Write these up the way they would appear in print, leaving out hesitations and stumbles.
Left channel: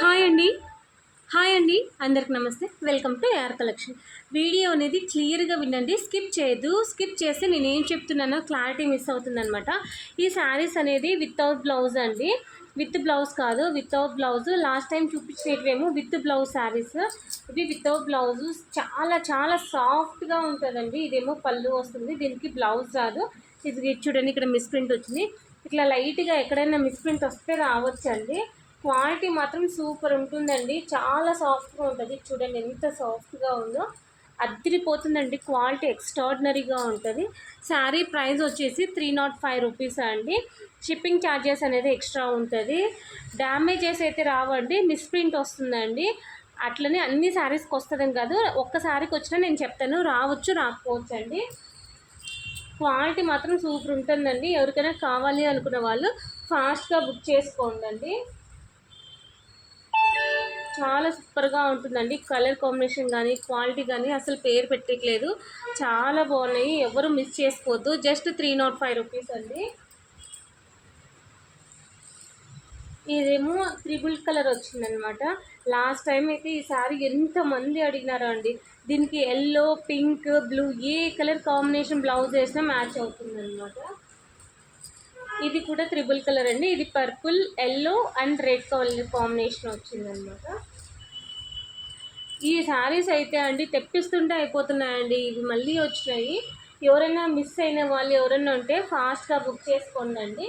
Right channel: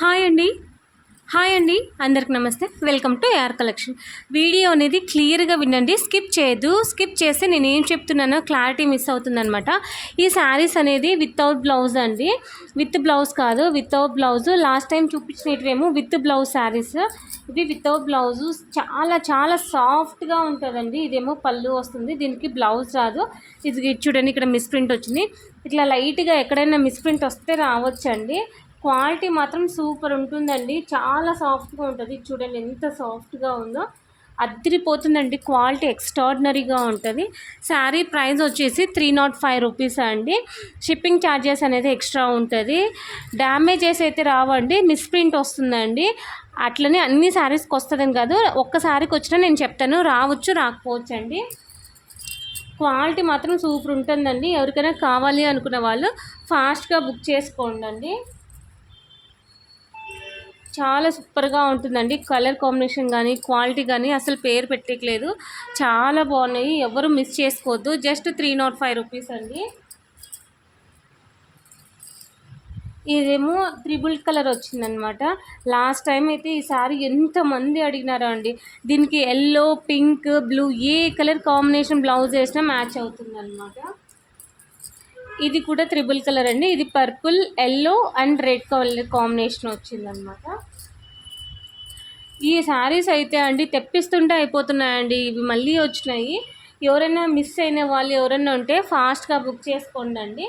Hi అండి. Hi అండి. అందరికి నమస్తే. Welcome to AR collection. Video అనేది క్లియర్గా వినండి, స్కిప్ చేయొద్దు. స్కిప్ చేస్తే నేను ఏం చెప్తున్నానో క్లారిటీ మిస్ అవుతుందనమాట. ఈ శారీస్ అనేది వితౌట్ బ్లౌజ్ అండి, విత్ బ్లౌజ్ కాదు, వితౌట్ బ్లౌజ్. లాస్ట్ టైం చూపించినవేమో విత్ బ్లౌజ్ శారీస్, ఇవి వితౌట్ బ్లౌజు. చాలా చాలా సాఫ్ట్గా ఉంటుందండి. ఇదేమో పళ్ళు వస్తుంది, దీనికి బ్లౌజ్ రాదు. ఇది చూడండి, ఇక్కడ మిస్ ప్రింట్ వచ్చింది. ఇట్లా లైట్గా ఎక్కడైనా మిస్ ప్రింట్ వస్తే రావచ్చండి. క్వాలిటీ మాత్రం సూపర్ ఉంటుందండి, చాలా సాఫ్ట్గా ఉంటుంది. చూడండి ఎంత సాఫ్ట్గా ఉందో, అద్దరిపోతుందండి. క్వాలిటీ ఎక్స్ట్రాడినరీగా ఉంటుంది. శారీ ప్రైస్ వచ్చేసి 305 రూపీస్ అండి. షిప్పింగ్ ఛార్జెస్ అనేది ఎక్స్ట్రా ఉంటుంది. డ్యామేజెస్ అయితే రావండి, మిస్ప్రింట్ వస్తుందండి. అట్లనే అన్ని శారీస్కి వస్తుందని కాదు, ఒక్క శారీకి వచ్చినా నేను చెప్తాను, రావచ్చు రాకపోవచ్చు అండి. క్వాలిటీ మాత్రం సూపర్ ఉంటుందండి. ఎవరికైనా కావాలి అనుకున్న వాళ్ళు ఫాస్ట్గా బుక్ చేసుకోండి. చాలా సూపర్గా ఉంటుందండి. కలర్ కాంబినేషన్ కానీ క్వాలిటీ కానీ అసలు పేరు పెట్టలేదు, చాలా బాగున్నాయి. ఎవరు మిస్ చేసుకోవద్దు. జస్ట్ 305 రూపీస్ అండి. ఇదేమో త్రిబుల్ కలర్ వచ్చిందనమాట. లాస్ట్ టైం అయితే ఈ సారీ ఎంతమంది అడిగినారో అండి. దీనికి ఎల్లో, పింక్, బ్లూ ఏ కలర్ కాంబినేషన్ బ్లౌజ్ వేసినా మ్యాచ్ అవుతుందన్నమాట. ఇది కూడా త్రిబుల్ కలర్ అండి. ఇది purple, yellow and red colour combination వచ్చిందనమాట. ఈ శారీస్ అయితే అండి తెప్పిస్తుంటే అయిపోతున్నాయండి. ఇవి మళ్ళీ వచ్చినాయి. ఎవరైనా మిస్ అయిన వాళ్ళు ఎవరైనా ఉంటే ఫాస్ట్గా బుక్ చేసుకోండి అండి.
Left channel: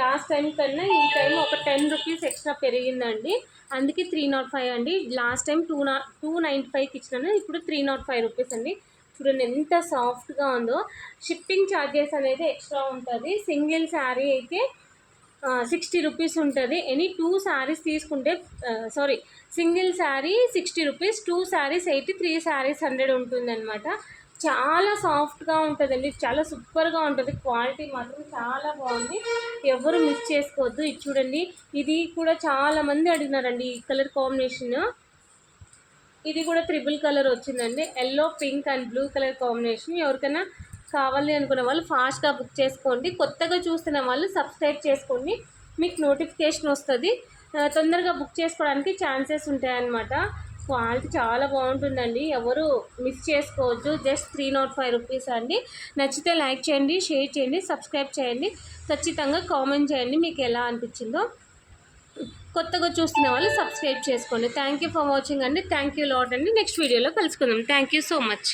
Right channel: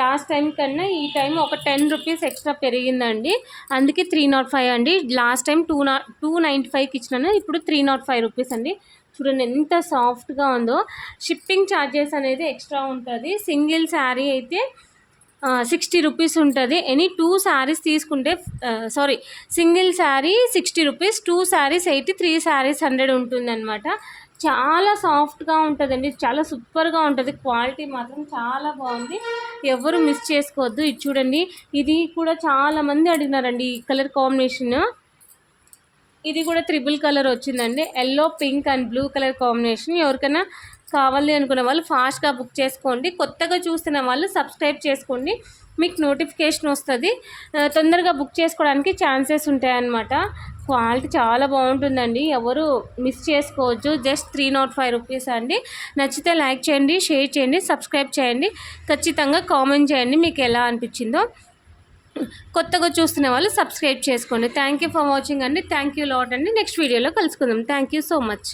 లాస్ట్ టైం కన్నా ఈ టైం ఒక 10 రూపీస్ ఎక్స్ట్రా పెరిగిందండి, అందుకే 305 అండి. లాస్ట్ టైం 295కి ఇచ్చినాను, ఇప్పుడు 305 రూపీస్ అండి. చూడండి ఎంత సాఫ్ట్గా ఉందో. షిప్పింగ్ ఛార్జెస్ అనేది ఎక్స్ట్రా ఉంటుంది. సింగిల్ శారీ అయితే 60 రూపీస్ ఉంటుంది. ఎనీ 2 శారీస్ తీసుకుంటే సింగిల్ శారీ 60 రూపీస్, 2 శారీస్ 80, 3 శారీస్ 100 ఉంటుందన్నమాట. చాలా సాఫ్ట్గా ఉంటుందండి, చాలా సూపర్గా ఉంటుంది. క్వాలిటీ మాత్రం చాలా బాగుంది, ఎవరు మిస్ చేసుకోవద్దు. ఇది చూడండి, ఇది కూడా చాలామంది అడిగినారండి ఈ కలర్ కాంబినేషన్. ఇది కూడా త్రిబుల్ కలర్ వచ్చిందండి, yellow, pink and blue colour combination. ఎవరికైనా కావాలి అనుకున్న వాళ్ళు ఫాస్ట్గా బుక్ చేసుకోండి. కొత్తగా చూస్తున్న వాళ్ళు సబ్స్క్రైబ్ చేసుకోండి, మీకు నోటిఫికేషన్ వస్తుంది. తొందరగా బుక్ చేసుకోవడానికి ఛాన్సెస్ ఉంటాయన్నమాట. క్వాలిటీ చాలా బాగుంటుందండి, ఎవరు మిస్ చేసుకోవచ్చు. జస్ట్ 305 రూపీస్ అండి. నచ్చితే లైక్ చేయండి, షేర్ చేయండి, సబ్స్క్రైబ్ చేయండి. ఖచ్చితంగా కామెంట్ చేయండి మీకు ఎలా అనిపించిందో. కొత్తగా చూస్తున్న వాళ్ళు సబ్స్క్రైబ్ చేసుకోండి. థ్యాంక్ యూ ఫర్ వాచింగ్ అండి. థ్యాంక్ యూ లాట్ అండి. నెక్స్ట్ వీడియోలో కలుసుకుందాం. Thank you so much.